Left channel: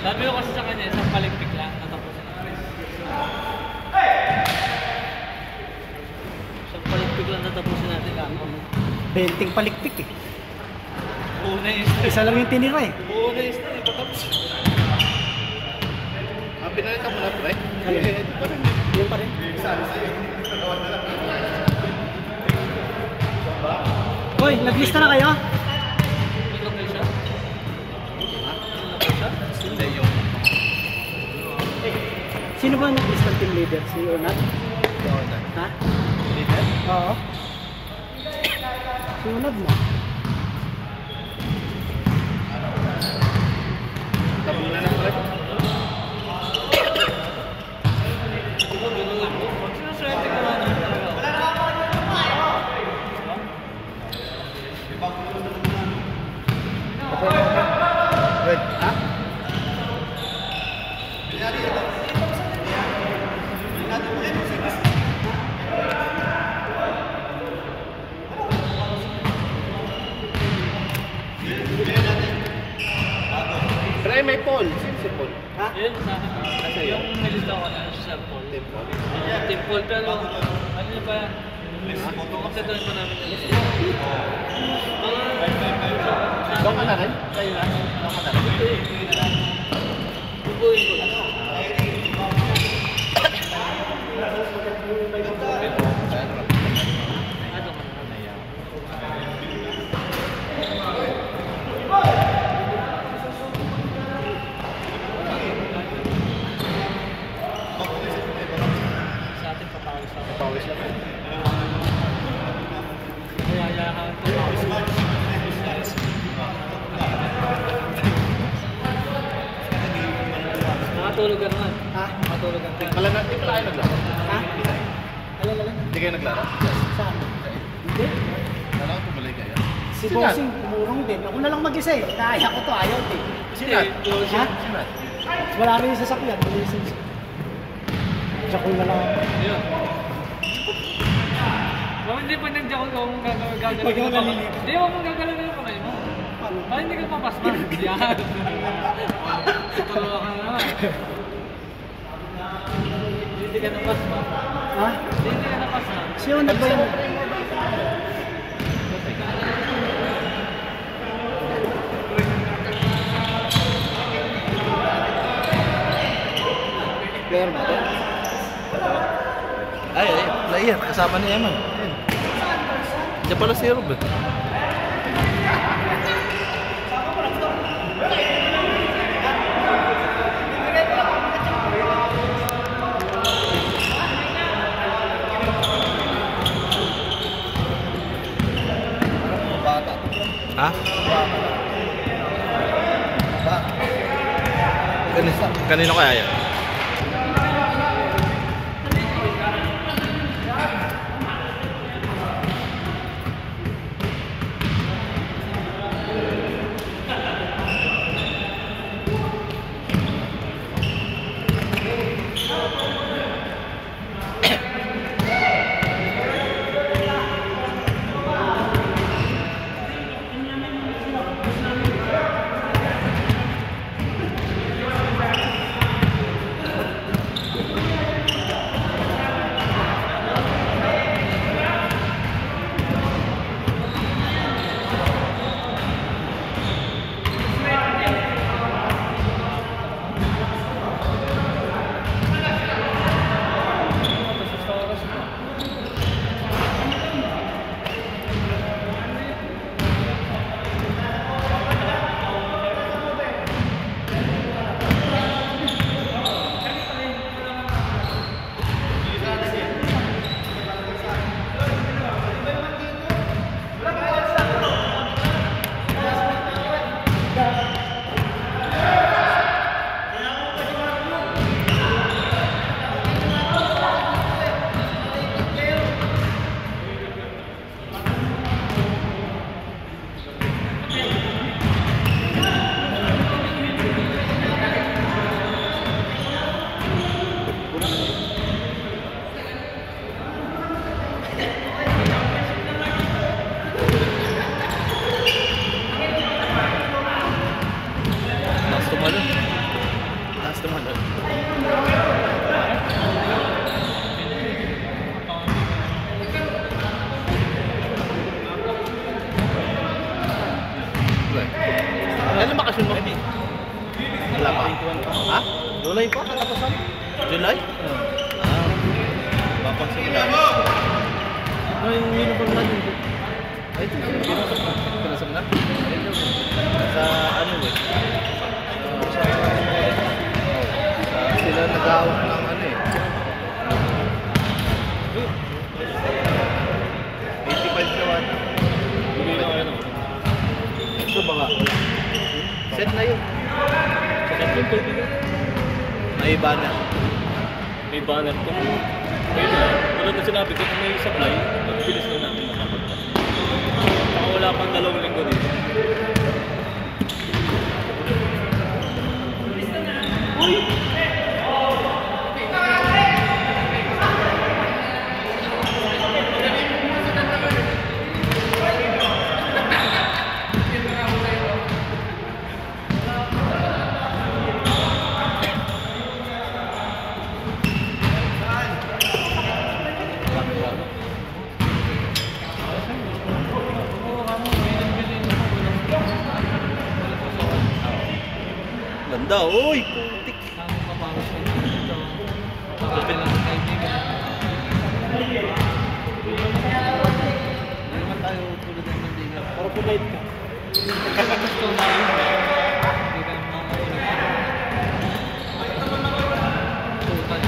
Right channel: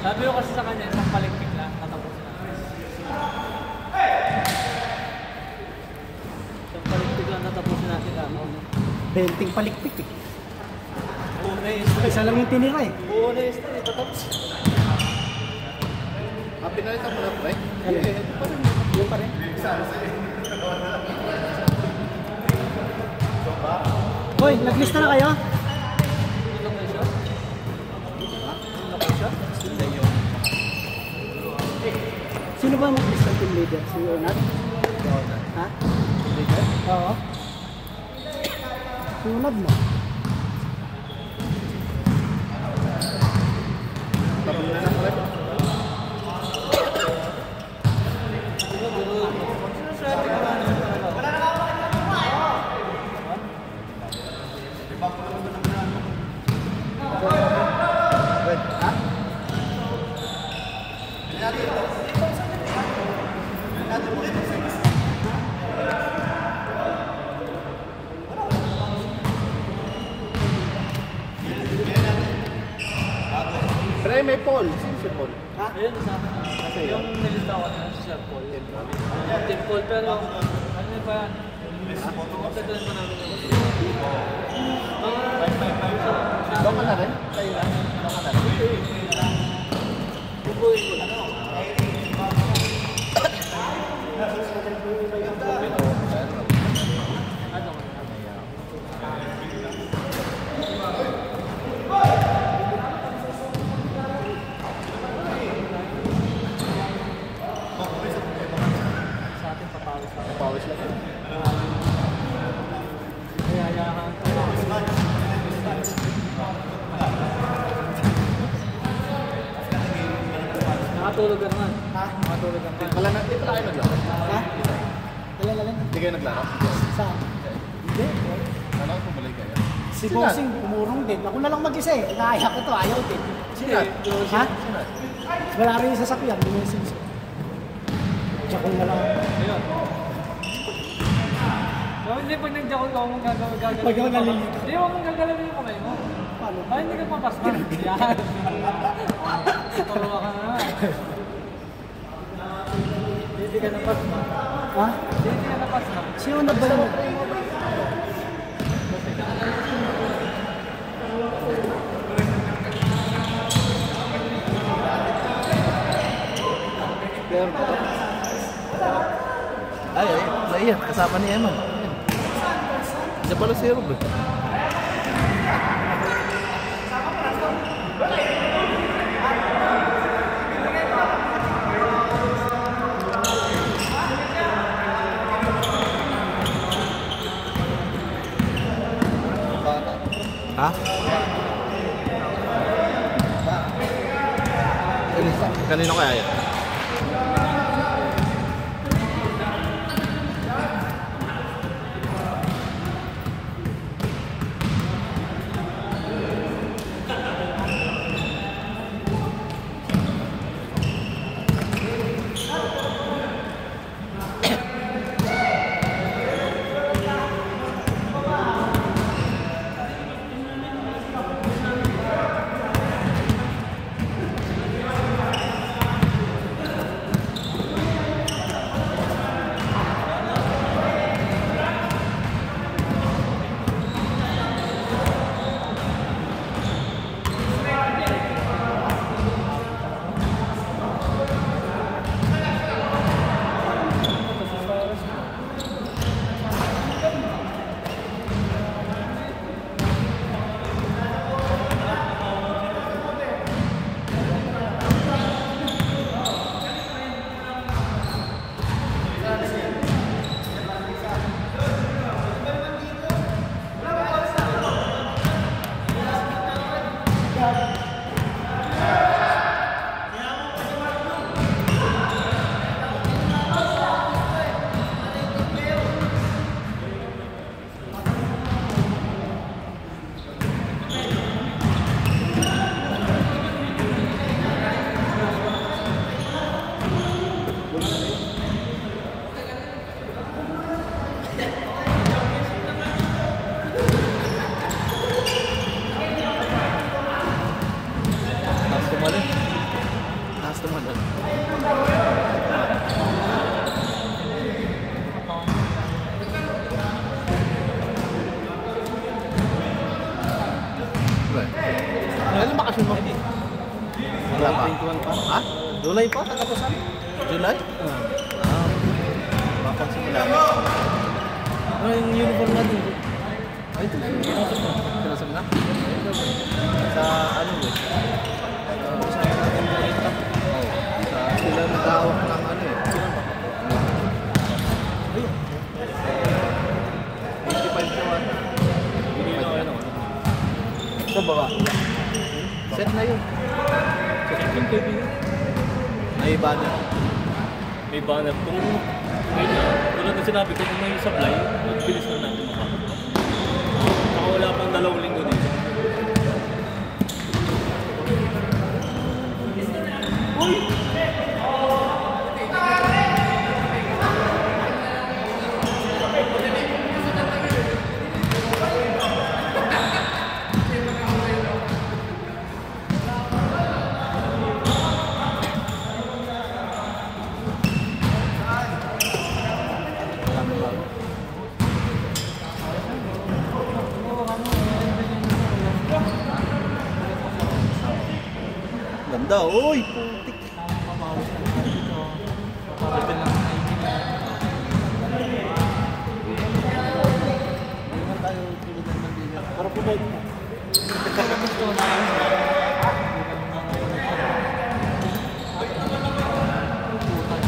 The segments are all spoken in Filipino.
Sabi ko kasi sa kanya, isang paligpik lang, natapos na. Isang paligpik lang, natapos na sila. 20 paligpik eh. Una yung star. Isa lang yung tinira eh. Una yung star, tapos. Pinalita mo na pre? Yung pa rin. Hoy, naglista na kayo? Ilang na siya? Ilang na siya? Hindi yung... Sino ba naglista team leader? Si Onat? Ha? Leader? Oo. Si Onat mo? Tabi na na pre? Pre, may Paul. Sino si Paul? Ha? Yun, sa akin. Yung nilista ko na si Sir Paul. Team Paul, pero ano ba yan? Magkatuloy pa namin. Doon ka na rin? Kayo na? Doon ka na rin? Bubuhin ko lang. Ano? Sa atin papawis ako. Pawis lang. Yayahan ko lang. Makatulog ka naman. Ha? Makatulog ka naman. Di pala kayo naglaro? Ha? Galing. Hindi kayo naglaro? Saan? Hindi. Kala ko pumalik kayo. Si Bossing umurong din. Ako na lang mag-isa eh. Inaaya ko to, ayaw din. Sinat? Ha? Sinat? Wala rin yung sasakyan. Jakong na lang ako. Ayun. Kung hindi pa nagjakong ka mong gagawin Pag ako nalilito. Hindi mo mong gagalawin yung kamay mo. Bakit hindi ka papasma? Yan. Tuturuan ka naman. Hindi ka napasma. Ha? Hindi ka napasma. Sino nagbayo mo? Ay, player. Kasama ni Eman. Diyan pala si Rob eh. Ha? Kanino kaya yan? eh. Kailan bakasyon mo? Wala pa. Ha? July pa? July? Ah. Mapagsimula. Ano yung uniform natin? Ay, ito. Pinasam na? Sa ano eh? Sa sila nag-awak ng ano eh. 85 na wata. 85 na. Ito ba? Set na yun. May iba na. May banat. Wala na sinabi ko kung may supply, bilis na natin makapagpas. Wala pang 2 linggo dito. Ganda, uy! Putik! Open lang ang kaibigan. Hindi naman tayo tulad ng nandigan. Pero pagkain ka. Kasi gusto na yun. Hindi ka naman makukulit. Tutan.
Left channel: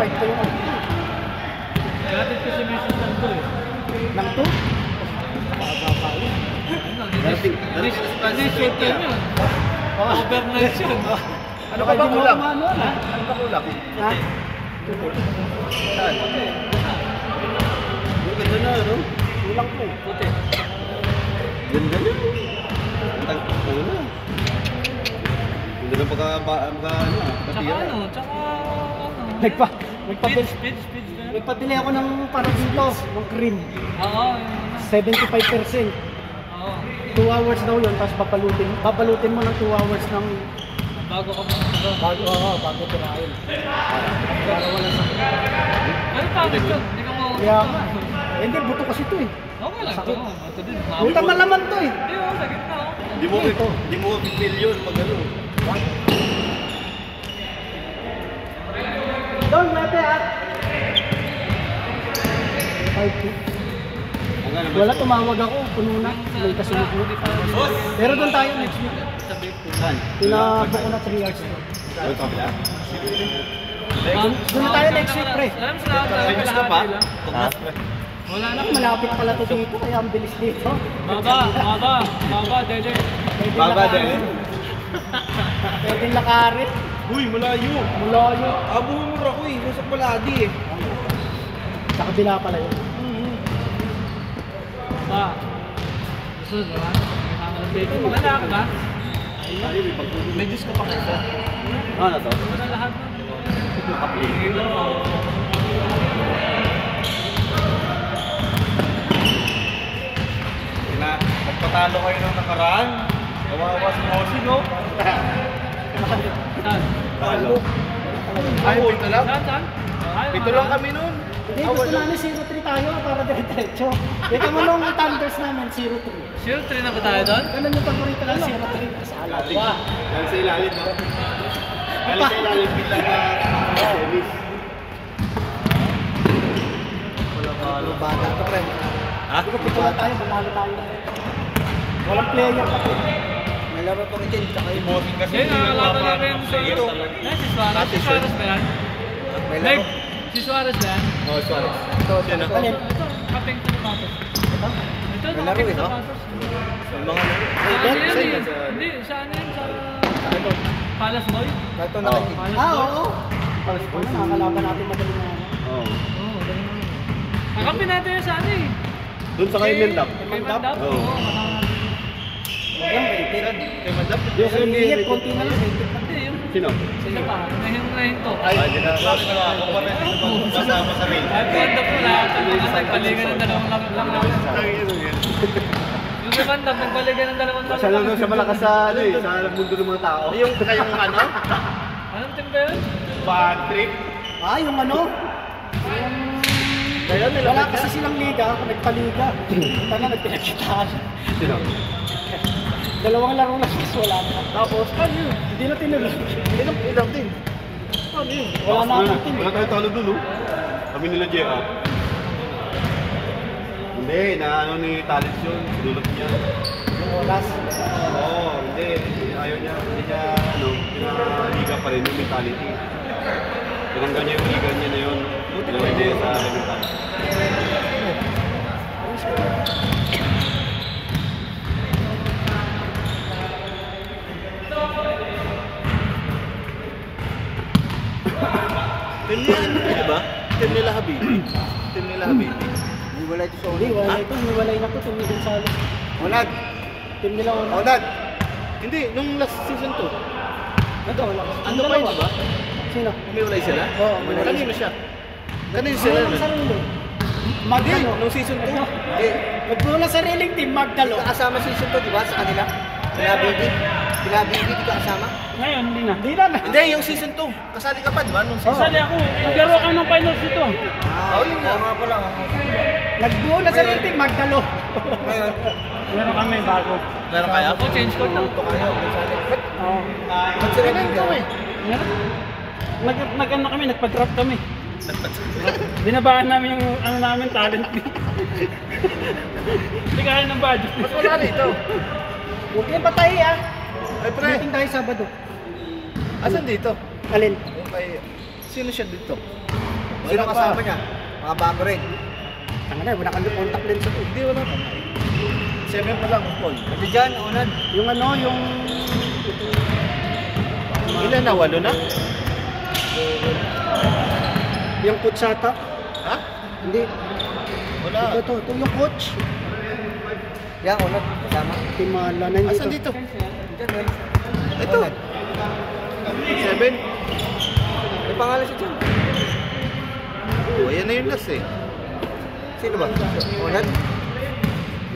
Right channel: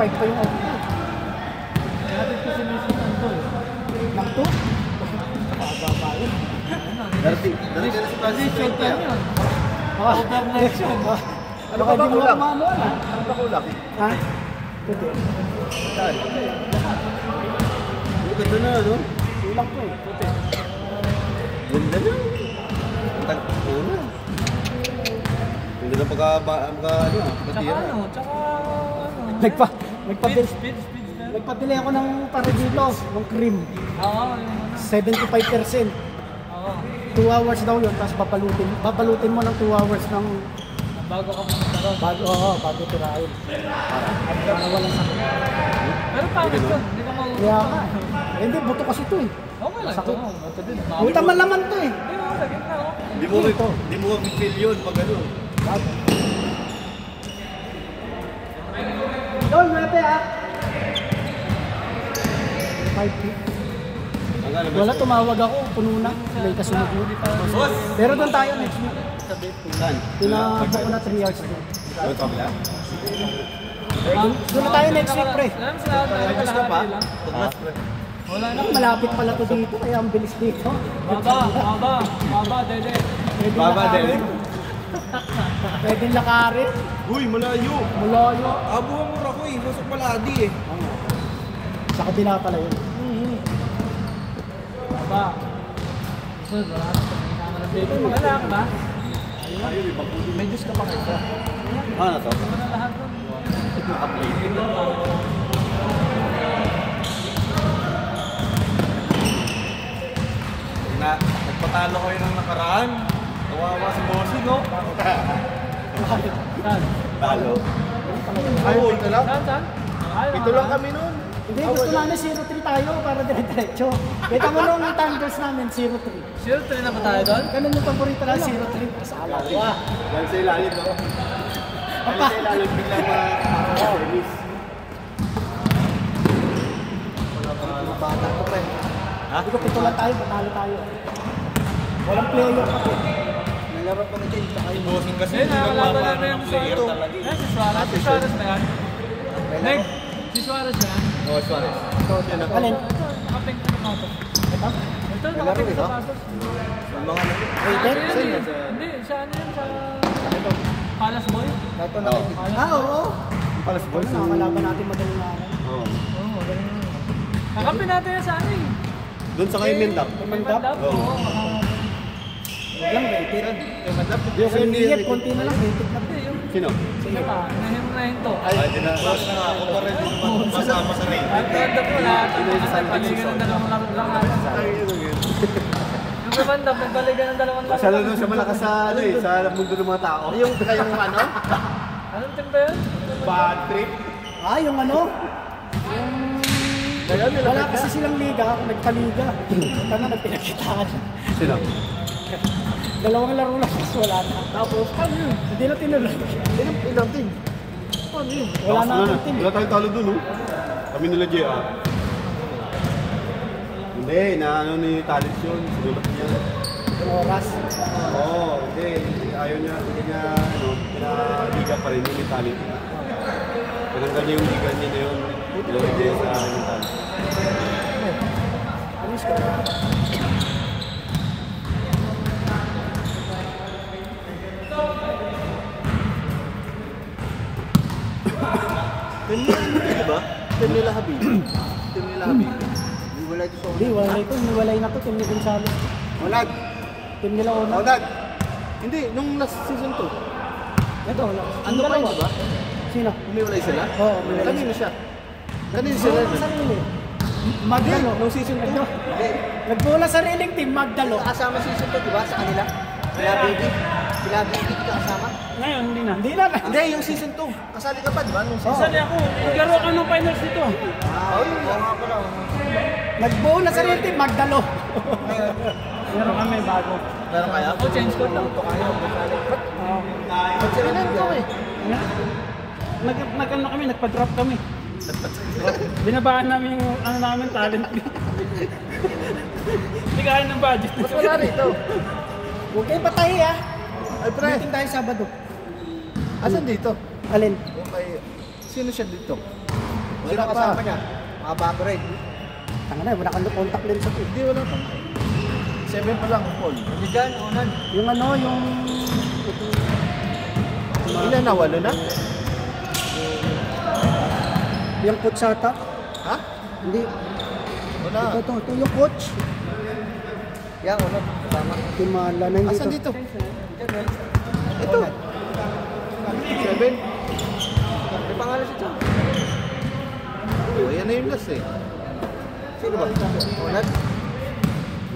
Fight pa yung ako. Gratis ko sa message ng to eh. Nagto? Hindi short time yun. Overnight yun. Ano ka ba kulang? Manual ha? Ano ba kulang? Ha? Saan? Ganda na, no? Kulang ko eh. Puti. Ganda na. Tagpo na. Hindi ka pagka ano, Tsaka ano, tsaka ano. Nagpa-delay Speed. ako ng paradulas, ng cream. Oo, yun. 75%. Oo. 2 hours daw yun, tapos babalutin mo ng 2 hours ng Bago ka muna sa bago tirahin. Pero pangit yun, hindi ka mo... Kaya, hindi, buto kasi ito eh. Okay lang ito. Ito din. May taman naman to eh. Hindi, oh, lagyan na oh. Hindi mo bigil yun pag ano. Doon natin ha. Wala, tumawag ako, puno na. May kasunod mo. Pero doon tayo next week. Pinabok ko na 3 hours. Doon na tayo next week, pre. Alam sa lahat tayo May gusto kalahati pa? lang. Wala na. Malapit pala to dito, kaya ang bilis dito. Baba, dede. Pwede lakarit. Uy, malayo. Malayo. Abo mo mura ko eh. Nasa paladi eh. Sa kabila pala yun. Baba. Sunod, wala na. Kasama ng baby. Wala ka ba? May Diyos ka pa kayo. Ano to? Wala lahat. Nagpatalo kayo ng nakaraan. Kawawa si Mosi, no? Saan? Talo. Ay, pito lang? Saan? Ay, Pito lang kami nun. Hindi, gusto namin 0-3 tayo para dire-diretso. Kita mo nung Thunders namin, 0-3. Sure, 3 na ba tayo doon? Ganun yung paborito na 0-3. Sa alam. Dahil sa ilalim mo. Dahil sa ilalim bilang na series. Bata to, pre. Ha? Pito lang tayo, bumalo tayo. Walang player. May laro pa rin dyan, tsaka yung Mosi kasi. Ngayon, nakakalaban namin sa ito. Si Suarez. Si Suarez ba yan? Meg, si Suarez ba yan? Oh, sorry. Ito, siya na. Ito, kapeng sa sapatos. Ito, nakapeng sa sapatos. Yung mga laro. Saan yan? Hindi, saan yan? Sa Palace Boy? Ito nakikita. Palace Ah, Boy. oo. Palas boys, nakakalaban natin madaling na. Oo. Oo, ganun mo. Kakampi natin yan sa ano eh. Doon sa kay Mendang. May mandap? Oo. Yan, 20. Kay Madam. Yung Yung hihit, konti na lang, 20 na. Hindi, yung Sino? isa pa. Nahinto. Ay, kasama sa ring. Ang ganda po lahat. Kasi paligan ng dalawang laro lang natin. Yung sa mandap, nagpaligan ng dalawang laro Siya lang lang. doon siya malakas sa, ano eh, sa mundo ng mga tao. Yung kayong ano? Anong team ba yun? Bad trip. Ah, yung ano? Kayo nila Wala kasi silang liga, nagpaliga. Paano nagpinakitaan? Sino? Dalawang laro lang, tapos wala na. Tapos, ano yun? Hindi na tinuloy. Ilang team? Ano yun? Wala na akong team. Wala tayong talo doon, oh. Kami nila JR. Hindi, na ano ni Talent yun. Sinulot niya. Oras. Oo, hindi. Ayaw niya. Hindi niya, ano, pinaliga pa rin yung mentality. Tinanggal niya yung liga niya na yun. Buti pa rin sa mentality. Team nila ano yun, diba? Team nila Habibi. Team nila Habibi. Hindi, wala ito. Hiwalay na ito. Team ni Gonzales. Manad! Team nila una. Manad! Hindi, nung last season 2. Ito. Ano pa yun, diba? Sino? Umiwalay sila? Oo, umiwalay. Kanino siya? Kanino sila? Nagbuo ng sarili. Magdalo. Nung season 2? Nagbuo ng sariling team, Magdalo. Kasama si Suto, di ba, sa kanila? Sila Bibi. Sila Bibi, di ka kasama? Ngayon, hindi na. Hindi na. Hindi, yung season 2. Kasali ka pa, diba? Nung season Kasali ako. Naglaro ako ng finals dito. Oo, yun nga. Nagbuo ng sariling team, Magdalo. Ngayon, Meron kami bago. Meron kaya? Ako, change code lang. ba't sila Bibi? Nag-ano kami, nagpa-drop kami. Binabaan namin yung ano namin, talent fee. Hindi kaya ng budget. Mas wala rito. Huwag kayong patay ah. Ay, pre. Meeting tayo Sabado. Asan dito? Alin? Okay. Sino siya dito? Wala kasama niya. Haba ko rin. Tanga na, wala kang contact lens ako. Hindi, wala pa. 7 pa lang, Paul. Hindi dyan, unan. Yung ano, yung... Ilan na? 8 na? Yung coach ata. Ha? Hindi. Wala. Ito, yung coach. Yan, unan. Kasama. Timala na hindi Asan dito? Dyan, man. Ito. 7? May pangalan siya dyan. Oh, ayan na yung last eh. Sino ba? Unan?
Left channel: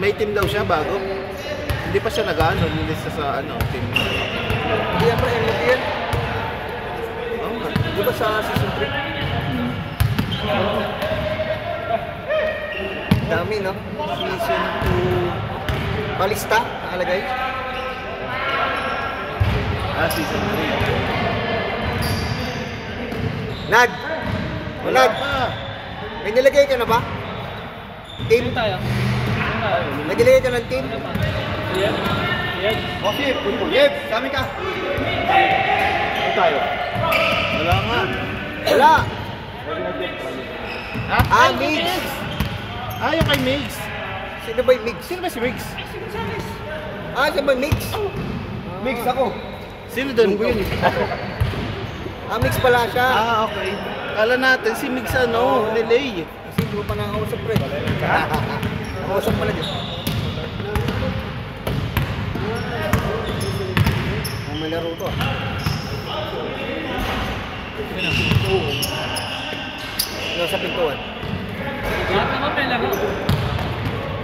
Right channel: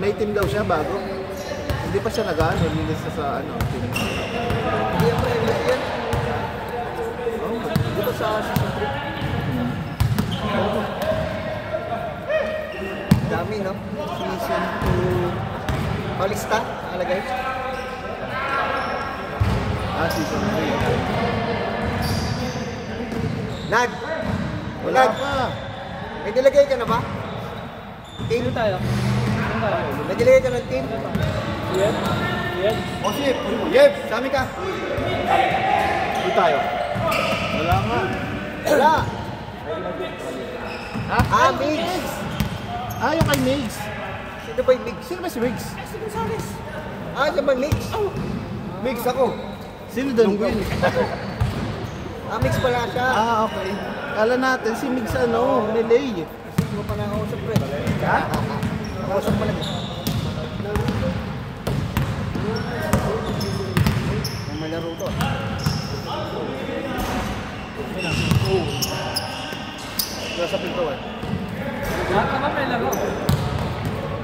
May team daw siya bago. Hindi pa siya nag-ano, nilista sa ano, team. Hindi yan, hindi yan. Oo nga. Di ba sa season 3? Dami, no? Season 2. Balista, nakalagay. Ah, season 3. Nad! Wala Nad! pa. May nilagay ka na ba? Team? Ano tayo? Ano tayo? May nilagay ka ng team? Yan? Yan? Osip! Yeb! Sami ka! Hindi tayo. Wala nga. Wala! Ha? Ah, Migs! Ah, yung kay Migs. Sino ba yung Migs? Sino ba si Migs? Ah, sino ba yung Migs? Mix ako. Sino doon? Ah, Migs pala siya. Ah, okay. Kala natin si Migs ano, Lelay. Kasi hindi mo pa nakausap ko eh. Ha? Nakausap pala niya. Ang malaro ko. Yung sa pintuan. Lahat naman may laro.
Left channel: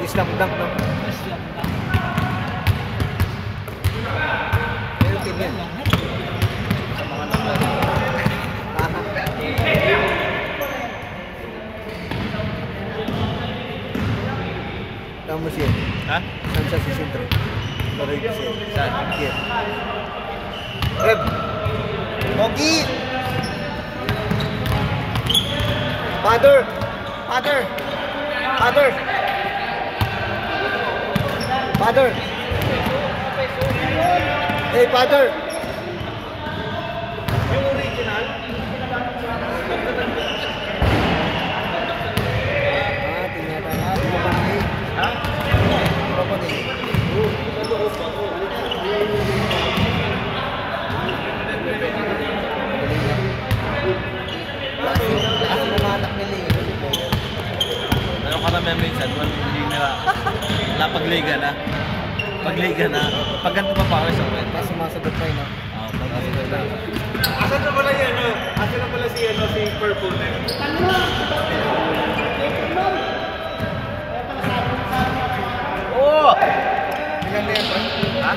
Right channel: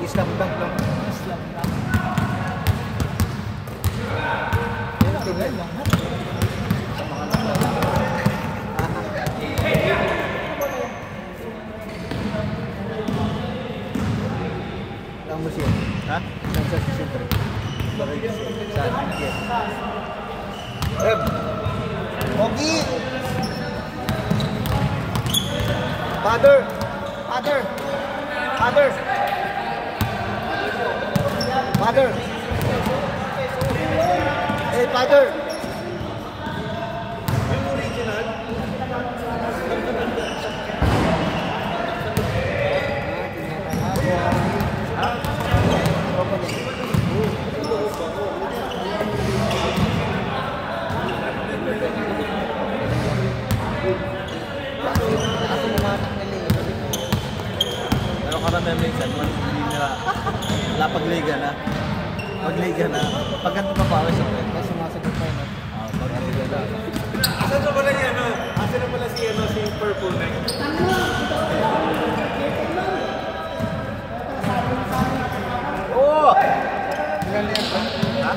Islam dunk na. Islam na. Yung team yan. Sa mga naglaro. Tama siya. Ha? Saan sa season 3? Maray kasi. Saan? Yes. Reb! Ogi! Father! Father! Father! Father! Hey, Father! Yung original? Ha? Pero karamihan minsan, hindi nila napagliga na. Pagliga na. Pag ganito pa pa sa kwento. May sumasagot na yun. Pagliga na. Asan na pala yan? Asan na pala si Purple na yun? Oh! Ilan na yan, bro? Ha?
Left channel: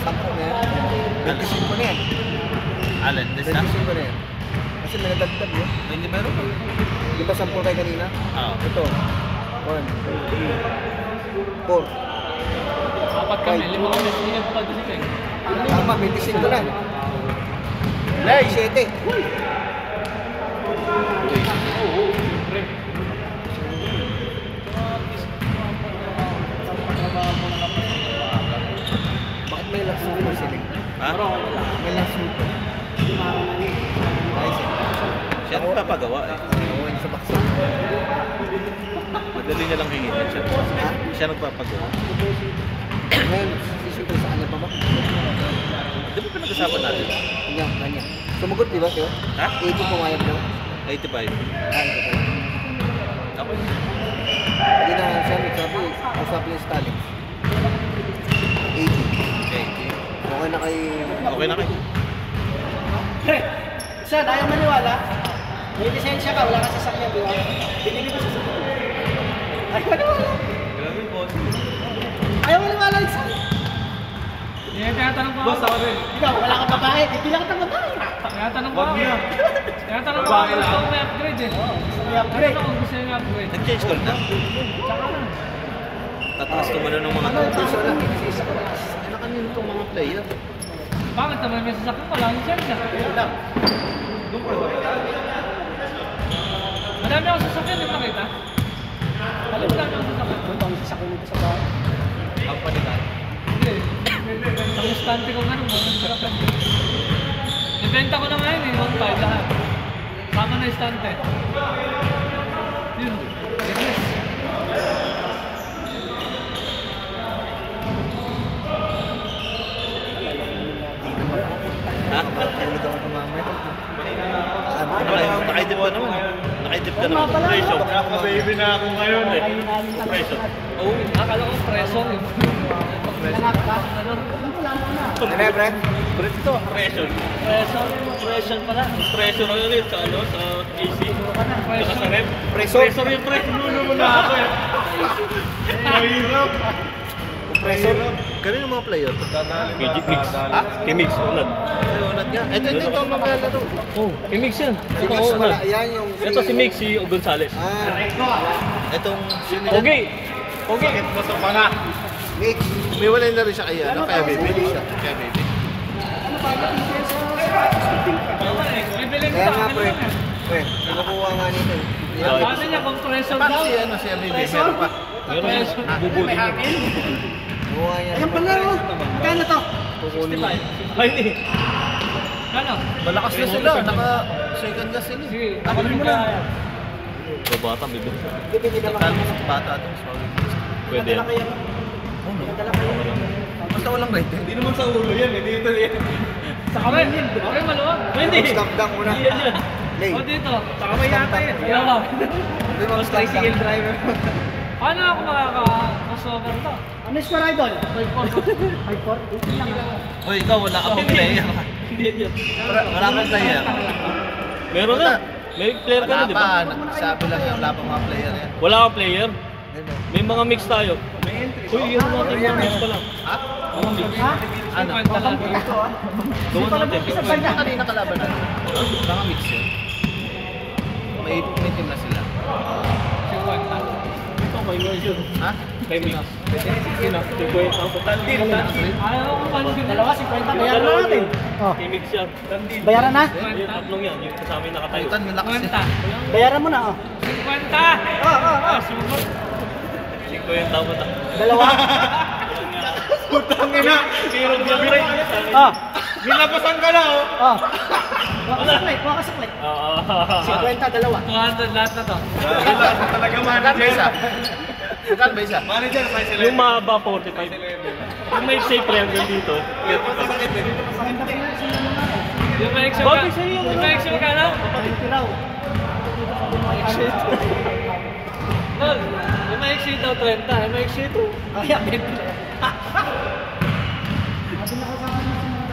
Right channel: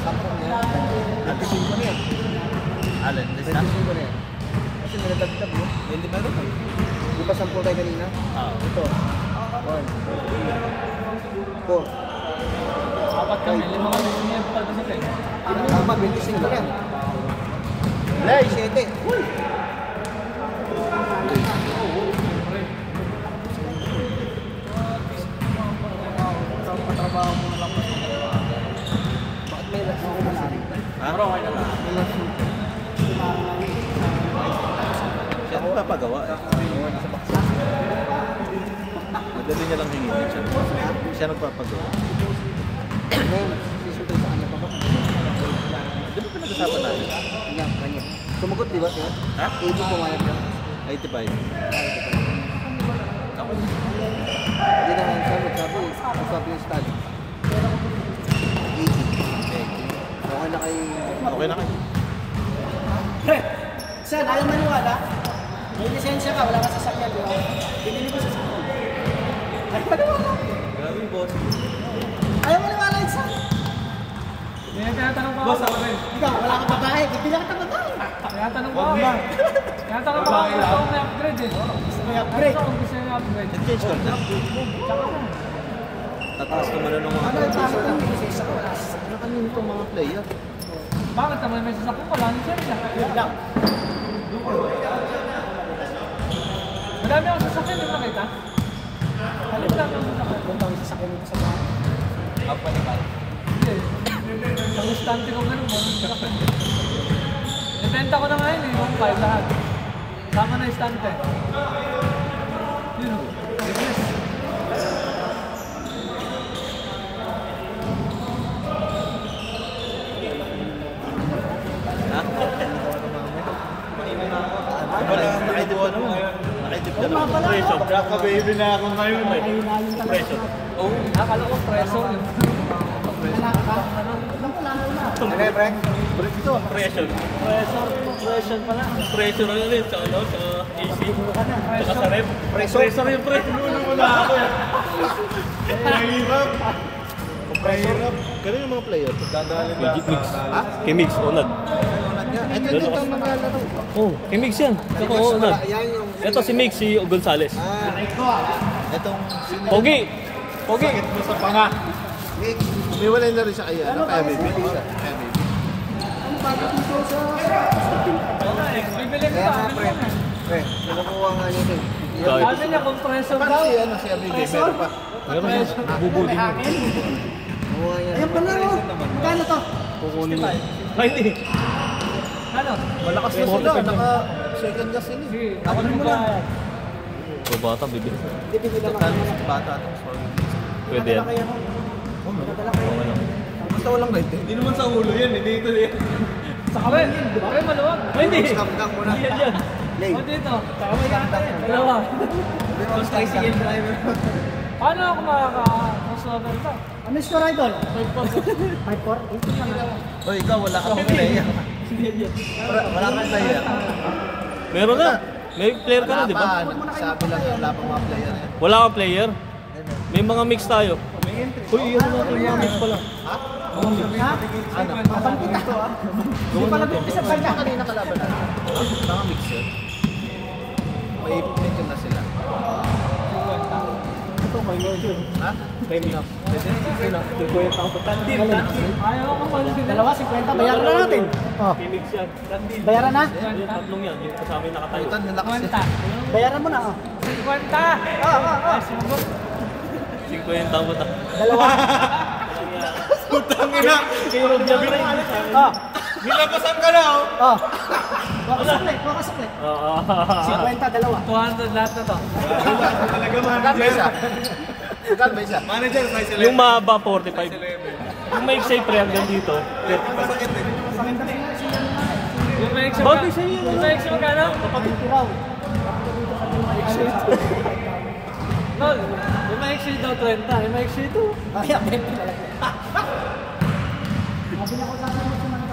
Sampo na yan. 25 na yan. Alin? This na? 25 na yan. Kasi may nadagdag yun. Hindi meron pa. Di ba sampo tayo kanina? Oo. Ito. 1, 2, 3, 4. Apat kami, 5 kami sumunod pa din siya. Tama, 25 na. Lay! 7. Bakit may last na sila? Ha? May last na. Siya nagpapagawa eh. Madali niya lang hingin siya. Siya nagpapagawa. May sisipin sa ano pa ba? Di ba pinag-usapan natin? Ganyan, ganyan. Sumugot di ba, Teo? Ha? 80 pumayag na. 85. Ako Hindi na siya nagsabi yung study. 80. Okay. Okay na kay... Okay na kayo. Saan? Ayaw maniwala? May lisensya ka, wala ka sasakyan doon. Binili ko sasakyan. Ayaw maniwala. Grabe, boss. Ayaw maniwala yung sasakyan. Tinatanong ko Boss, ako rin. Ikaw, wala ka pagkain. Bibila ka ng pagkain. Tinatanong ko ako. Tinatanong ko ako gusto ko may upgrade eh. I-upgrade. Ano gusto niya upgrade? Nag-change call na. Tsaka lang. Tataas tumalo ng mga ano kanino itong mga player? Bakit naman may sasakyan ko? Lang siya na. Madami ako sasakyan, di ba kita? Madami ako sasakyan. Punta ang sasakyan nito sa bahay. Ang palitan? Hindi. Sa mustante ko ganun mo. Ibenta ko na ngayon eh, 1.5 lahat. Sama na istante. Yun. Yes. Ha? Nakaidip ka naman. Nakaidip ka naman. Pressure. Kaka-baby na ako ngayon eh. Pressure. Oh, akala ko preso yun. Ano yan, Brent? Brit ito. Pressure. Preso pala. Pressure ano ulit sa ano sa AC. Saka sa rep. Pressure? Pressure yung pre. Wala ako eh. Mahirap. Mahirap. Kanino mga player to? Magic Mix. Ha? Kimix, unad. Ay, unad nga. Ito ang mga laro. Oh, Kimix yan. Ito Mix, unad. yan yung... Ito si Mix, si Gonzales. Itong... Pogi! Pogi! Sakit mo sa panga. Mix. Umiwalay na rin siya kaya, ano? Kaya baby. Kaya baby. Bibili ko Kaya pa. nga, Ano Brent. lang eh. Brent, pinakuha nga nito. Sabi niya kung preso Paano daw. si ano, si baby? Meron pa. Meron yan. Bubudin mo. Nakuha niya. Ayun pala mo. Kano to? Kukunin mo. Ay, hindi. Ano? Malakas na sila. Naka-second na sila. Sige. Ano mo na? Sa bata, bibili. Bibili naman. Total, bata ito. Pwede yan. Oh, no. Basta walang right eh. Hindi naman sa ulo yan. Hindi ito yan. Sa akin. Okay, maluwag. Hindi. Damdam mo na. Yan yan. Lay. O dito. Kamay nata yan. Dalawa. Mas tricycle driver. Paano ako makaka-crossover to? Ano yung score idol? 5-4. Uy, ikaw wala kang player. Yan yan. Wala kang player. Meron ka. May player ka Wala na, di ba? pa. Sabi lang wala pang mga player yan. Wala kang player. May mga mix tayo. Uy, yan natin mga mix pala. Ha? Ha? Ano? Doon natin. Isa pa niya kanina kalaban natin. Mga mix yun. May team na sila. Ito, may word yun. Ha? May mix. Sino? 50 ang total. Ayaw ko man yun. Dalawa, 50. Bayaran na natin. Oh. May mix yan. Bayaran na? Yung tatlong yan. Yung kasama yung nakatayo. Putan, malakas yan. 50. Bayaran mo na. Oh. 50! Ah, sumagot. 50 ang total. Dalawa. Putang ina. Pero gabi rin. Oh. Nilapasan ka na oh. Oh. Wakasaklit. Wakasaklit. 50, dalawa. 200 lahat na to. Talaga Magkano ba manager. isa? Magkano ba isa? Manager, size 11. Yung mahaba 45. Yung may safe pre hanggang dito. Masakit eh. Yung Felix yung Bagay sa'yo yun. Yung Felix yung magkano? Kapatid ko raw. No, tol. Yung maiksi daw 30, yung maiksi ito. Kaya, 20 na lang. Kasi nakasama niya si mga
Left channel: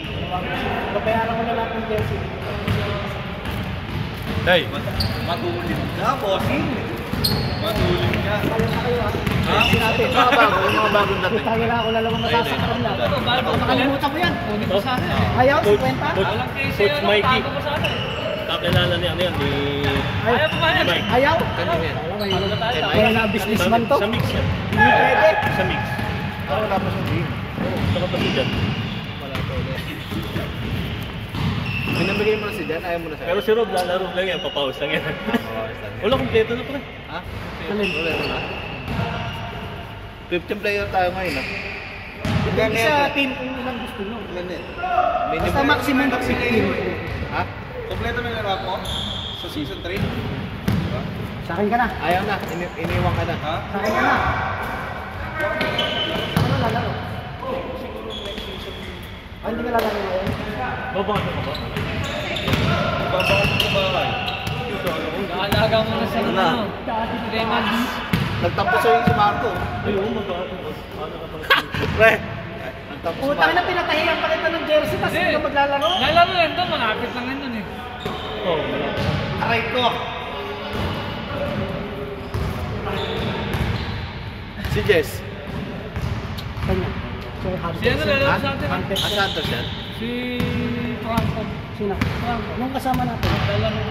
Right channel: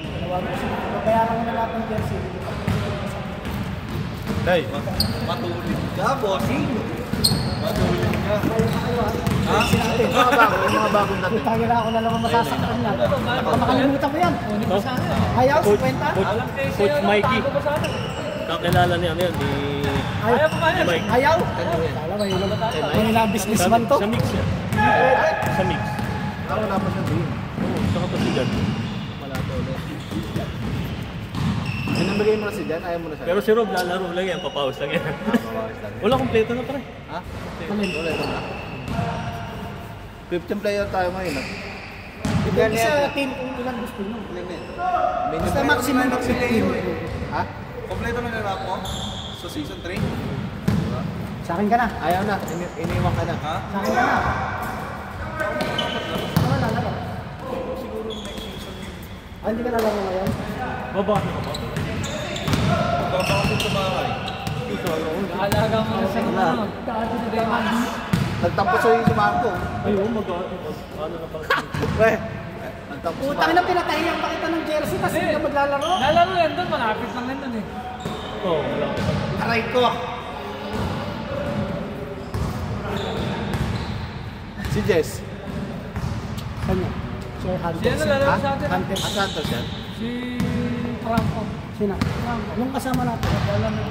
babayaran ko na lahat ng jersey. Day. Matulin ka, bossing. Matulin ka. Yung mga bagong dating. Putangin na ako na lang masasaktan na. Bago Makalimutan ko yan. Kunin mo sa akin. Ayaw, Coach, 50. Coach, Alam kayo Coach sa'yo, Mikey. tago mo sa akin. Kakilala niya ano yan, ni Ayaw pa kaya. Mike. Ayaw? Kanino yan? Ano ba tayo? Wala na businessman to. Sa mix yan. Sa mix. Wala pa siyang game. Saka pa si Jan. Wala pa ulit. Pinamigay mo na si Dan, ayaw mo na sa Pero si Rob lalaro lang yan, papaus lang yan. Wala, kompleto na pala. Ha? Ulit na. 15 player tayo ngayon ha. Depende sa team kung ilang gusto nyo. Basta maximum 15. Ha? Kompleto mo na rap mo sa season 3. Sa akin ka na. Ayaw na, iniwan ka na. Ha? Sa akin ka na. Ano lalaro? Hindi ka lalaro ngayon. Babang ako. Kaalaga mo na sa inyo. Ano? Lemons. Nagtapos yung si Marco. Ayun, ano na pala. Pre! Nagtapos si Putang na Marco. pinatahiyan ka kita ng jersey tapos hindi ka maglalaro. Nalaro yan doon, malapit lang yan doon eh. Aray ko! Si Jess. Kanya. Sir Hunter. Si ano lalaro sa atin? Hunter. Santos yan? Si Franco. Sino? Nung kasama natin. Lalaro.